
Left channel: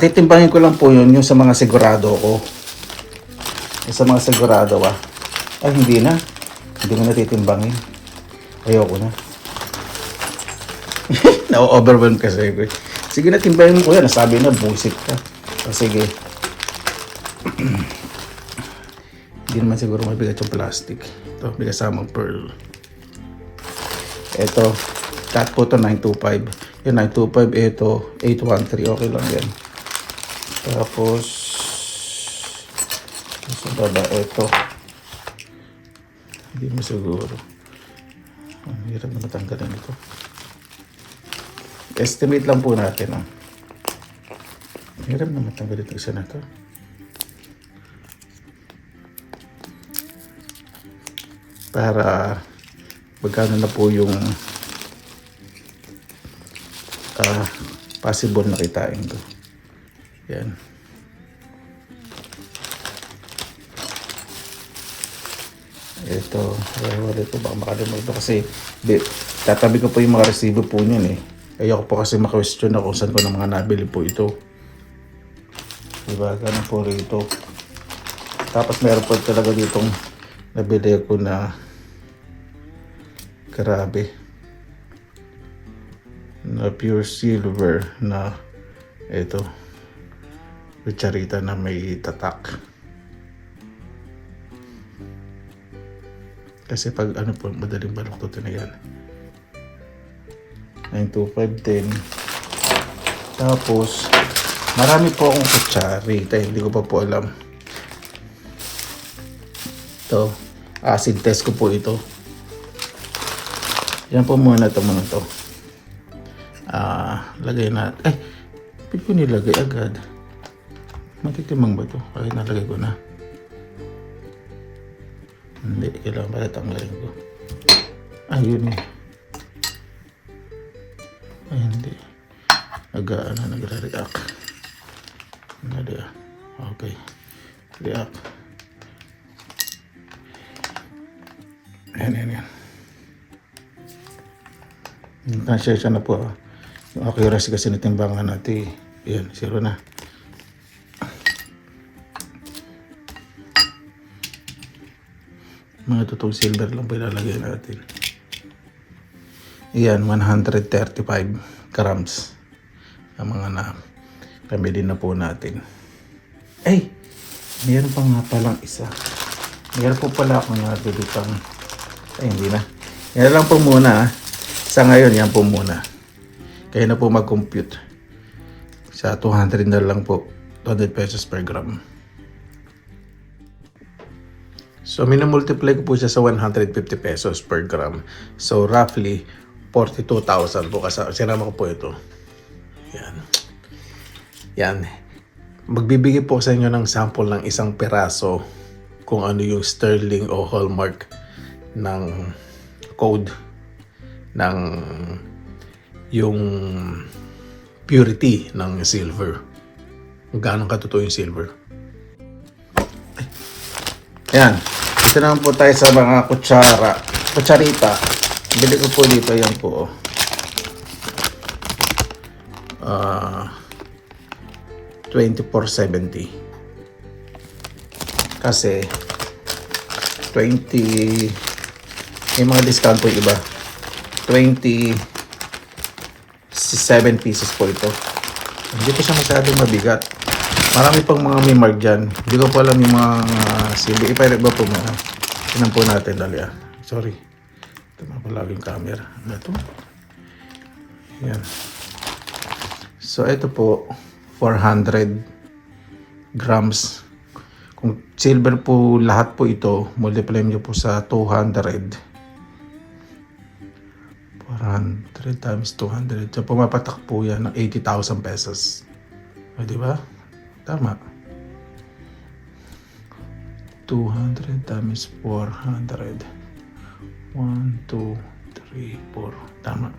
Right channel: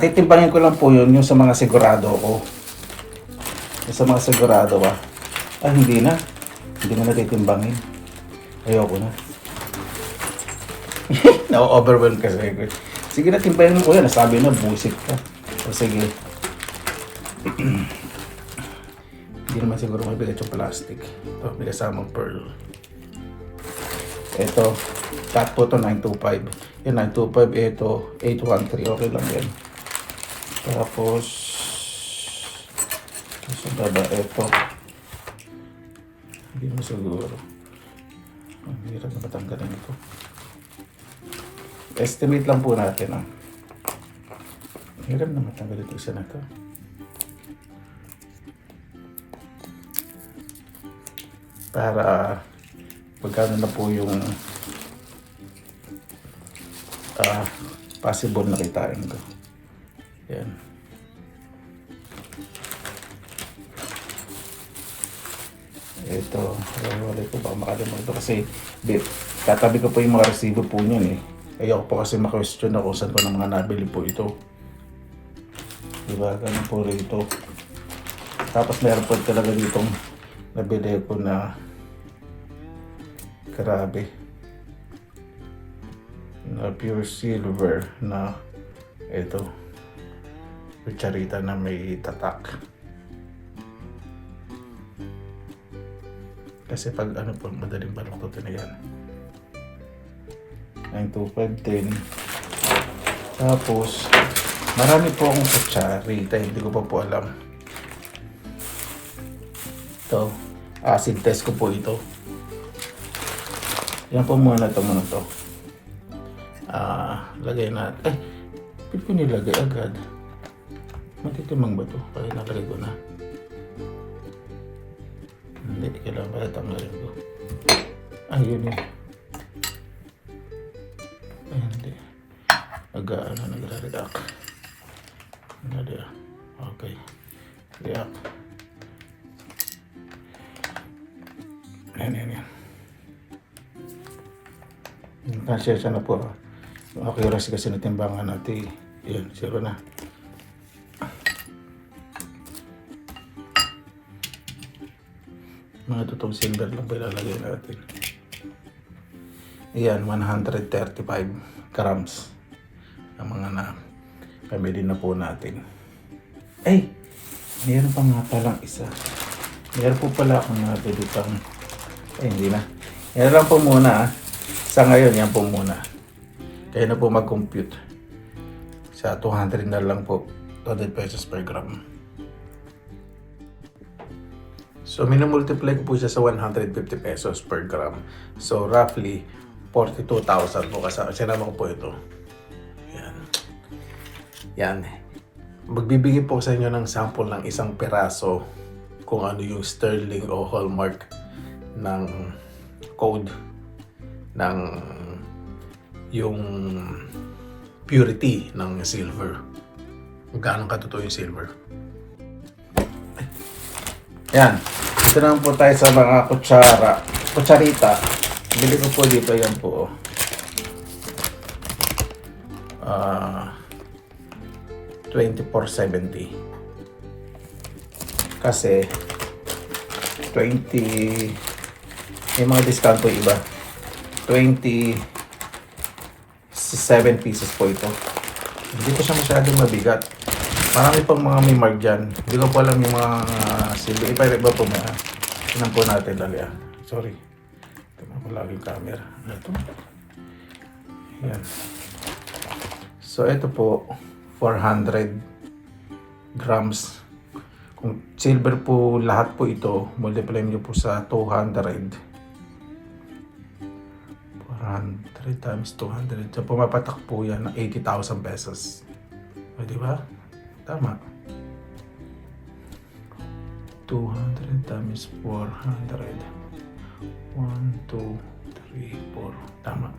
titimbangin ko lang po yun yung sa mga sigurado ko. Yung sa mga sigurado hindi na. Hindi mo na titimbangin. Ayoko na. Na-overwhelm kasi. Sige na, timbangin ko yan. Nasabi na, bullshit ka. Sige. Hindi naman siguro mabigat yung plastic. Ito, may kasamang pearl. Ito, cut po ito 925. Yan, 925. Ito, 813. Okay lang yan. Tapos, sa baba, ito. Hindi mo siguro. Ang hirap na matanggalin ito. Estimate lang po natin. Hirap na matanggalin ito isa na ito. Para magkano na po yung possible na kitain ito. Yan. Ito, wala po baka makalimutan kasi tatabi ko po yung mga resibo po niyan Ayoko po kasi ma-question na kung saan ko na nga nabili po ito. Diba, ganun po rito. Tapos meron po talaga ditong nabili ko na grabe na pure silver na Ito. Kutsarita na may tatak. Kasi pag ano po, madaling baluktutin na yan. 9, 2, 5, 10. Tapos, marami po akong kutsarita. Hindi ko pa po alam. Ito. Acid test ko po ito. Yan po muna ito muna ito. Lagay na. Ay, hindi ko nilagay agad. Makitimang ba ito? Ay, nalagay ko na. Hindi, kailangan pala tanggalin ko. Ay, yun eh. Ay, hindi. Nagre-react. Okay. React. Ayan. Nasya na po. Yung accuracy kasi natimbangan natin. Ayan, 0 na. Mga totoong silver lang pa ilalagay natin. Ayan, 135 grams. Ang mga na pamili na po natin. Ay! Mayroon pa nga palang isa. Mayroon po pala akong natulutang. Ay, hindi na. Yan lang po muna. Sa ngayon, yan po muna. Kaya na po mag-compute. Sa 200 na lang po. 200 pesos per gram. So, minamultiply ko po siya sa 150 pesos per gram. So, roughly, 42,000 po. Sinama ko po ito. Yan. Magbibigay po sa inyo ng sample ng isang peraso kung ano yung sterling o hallmark ng code ng yung purity ng silver. Magkano katotoo yung silver. Yan. Ito naman po tayo sa mga kutsarita. Bili ko po dito yan po. 24.70 kasi 20 may mga discount po yung iba 27 pieces po ito. Hindi ko siya masyadong mabigat. Marami pang mga may mark dyan. Hindi ko pa alam yung mga silbi. Ipailag ba po muna? Tinan po natin lagyan. Sorry. Ito nga pala yung camera. Ito. Ayan. So ito po 400 grams. Kung silver po lahat po ito, multiply nyo po sa 200. 400 times 200. So pumapatak po yan ng 80,000 pesos. O, diba? Tama. 200 times 400. 1, 2, 3, 4. Tama.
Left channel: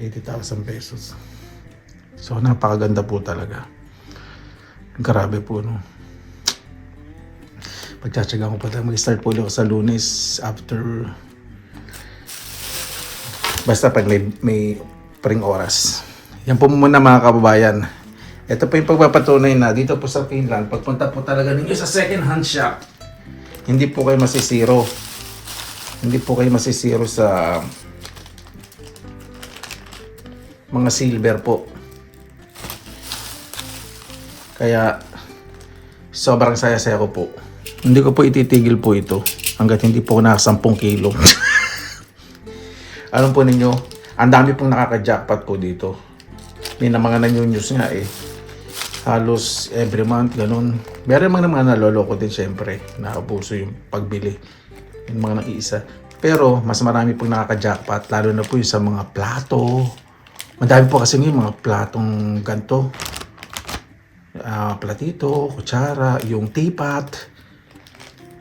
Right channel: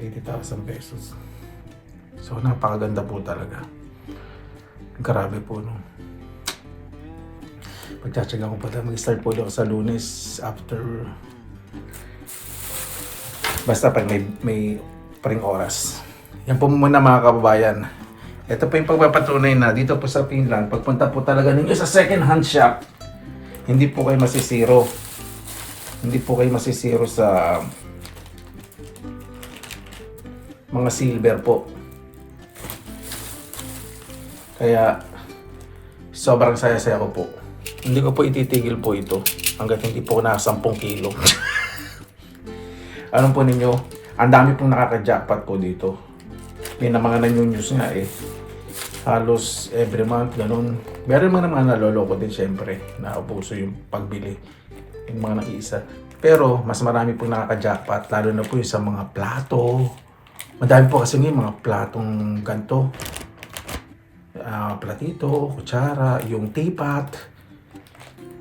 80,000 pesos. So, napakaganda po talaga. Grabe po, no? Pagtsatsaga ko pa tayo. Mag-start po ulit sa Lunes after... Basta pag may paring oras. Yan po muna mga kababayan. Ito po yung pagpapatunay na dito po sa Finland. Pagpunta po talaga ninyo sa second hand shop, hindi po kayo masisiro. Hindi po kayo masisiro sa mga silver po. Kaya sobrang saya-saya ko po. Hindi ko po ititigil po ito hanggat hindi po naka 10 kilo. Alam po ninyo, ang dami pong nakaka-jackpot po dito. Yun ang mga nag-news nga eh. Halos every month, ganun. Meron mga naloloko din syempre. Nakaupuso yung pagbili. Yung mga nag-iisa. Pero mas marami pong nakaka-jackpot. Lalo na po yung sa mga plato. Madami po kasi ngayon mga platong ganito. Platito, kutsara, yung teapot,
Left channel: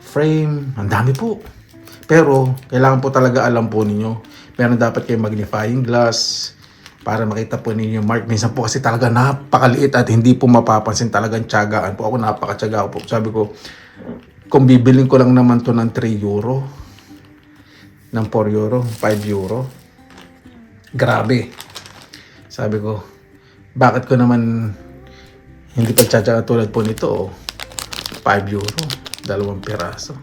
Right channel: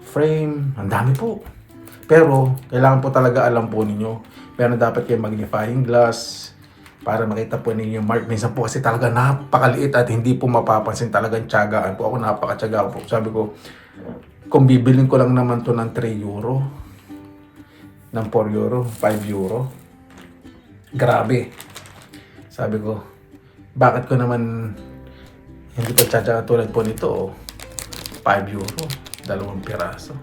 frame, ang dami po. Pero, kailangan po talaga alam po ninyo. Meron dapat kayong magnifying glass para makita po ninyo yung mark. Minsan po kasi talaga napakaliit at hindi po mapapansin talagang tiyagaan po. Ako napakatiyaga po. Sabi ko, kung bibiling ko lang naman to ng 3 euro, ng 4 euro, 5 euro, grabe. Sabi ko, bakit ko naman hindi pa tiyatsaga tulad po nito, 5 euro, 2 piraso.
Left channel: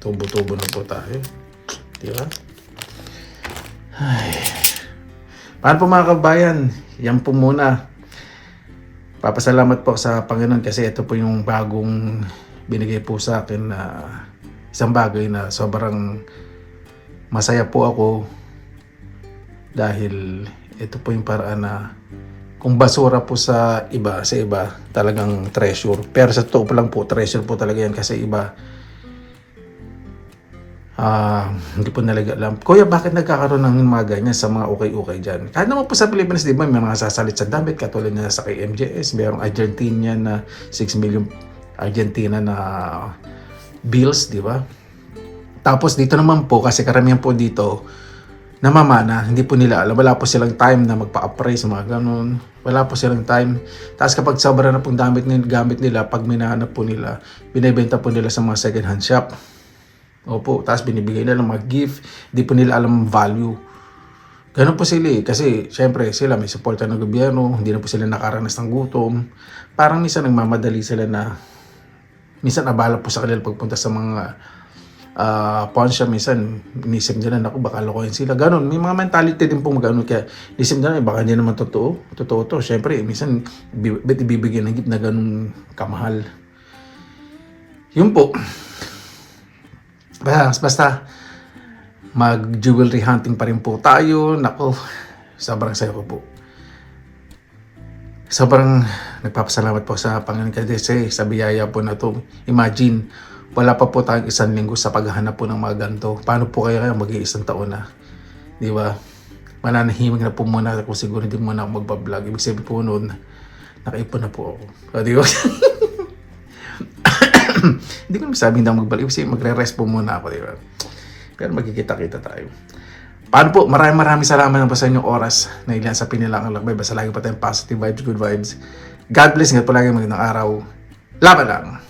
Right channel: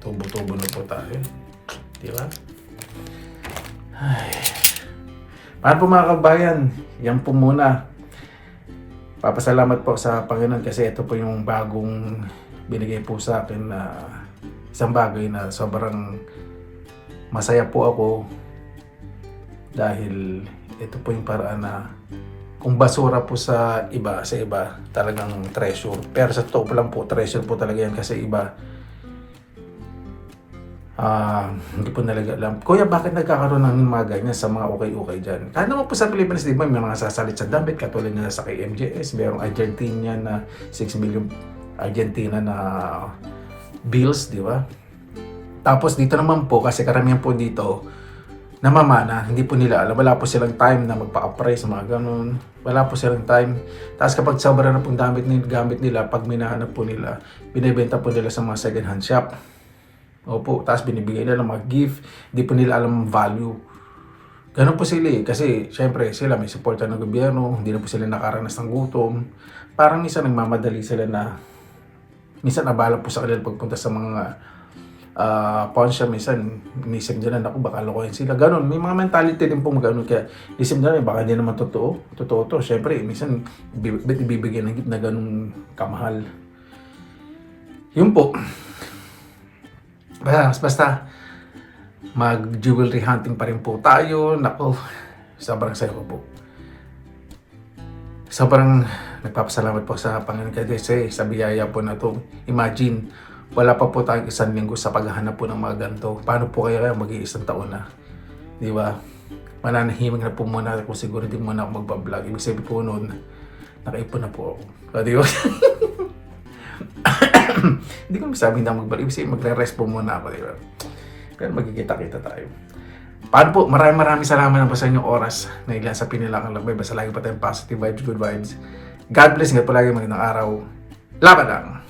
Tubo-tubo na po tayo. Diba? Ay. Paano po mga kabayan? Yan po muna. Papasalamat po sa Panginoon kasi ito po yung bagong binigay po sa akin na isang bagay na sobrang masaya po ako dahil ito po yung paraan na kung basura po sa iba talagang treasure. Pero sa totoo po lang po, treasure po talaga yan kasi iba hindi po nalaga alam. Kuya, bakit nagkakaroon ng mga ganyan sa mga okay dyan? Kaya naman po sa Pilipinas, di ba, may mga sasalit sa damit, katulad niya sa kay MJS, mayroong Argentina na 6 million Argentina na bills, di ba? Tapos dito naman po, kasi karamihan po dito, namamana, hindi po nila alam. Wala po silang time na magpa-appraise, mga ganun. Wala po silang time. Tapos kapag sobra na pong gamit nila, pag minahanap po nila, binibenta po nila sa mga second hand shop. Opo, tapos binibigay na ng mga gift, hindi po nila alam ang value. Ganun po sila eh. Kasi syempre sila may suporta ng gobyerno, hindi na po sila nakaranas ng gutom. Parang minsan nagmamadali sila na, minsan abala po sa kanila pagpunta sa mga pawn shop, minsan inisip nila, naku baka lokohin sila. Ganun, may mga mentality din po mag-ano, kaya inisip nila, baka hindi naman totoo to. Syempre, minsan ibibigyan ng gift na ganun kamahal. Yun po. Basta mag-jewelry hunting pa rin po tayo. Nako, sobrang saya ko po. Sobrang nagpapasalamat po sa Panginoon kasi sa biyaya po na to. Imagine, wala pa po tayong 1 linggo sa paghahanap po ng mga ganito. Paano po kaya mag-iisang taon na? Di ba? Mananahimik na po muna ako, siguro hindi muna ako magbablog. Ibig sabihin ko noon, nakaipon na po ako. O, di ba? Hindi ko sabihin na magbalik kasi magre-rest po muna ako, di ba? Pero magkikita-kita tayo. Paano po? Maraming salamat na po sa inyong oras na ilan sa pinilangang lakbay. Basta lagi pa tayong positive vibes, good vibes. God bless nga po lagi magandang araw. Laban lang!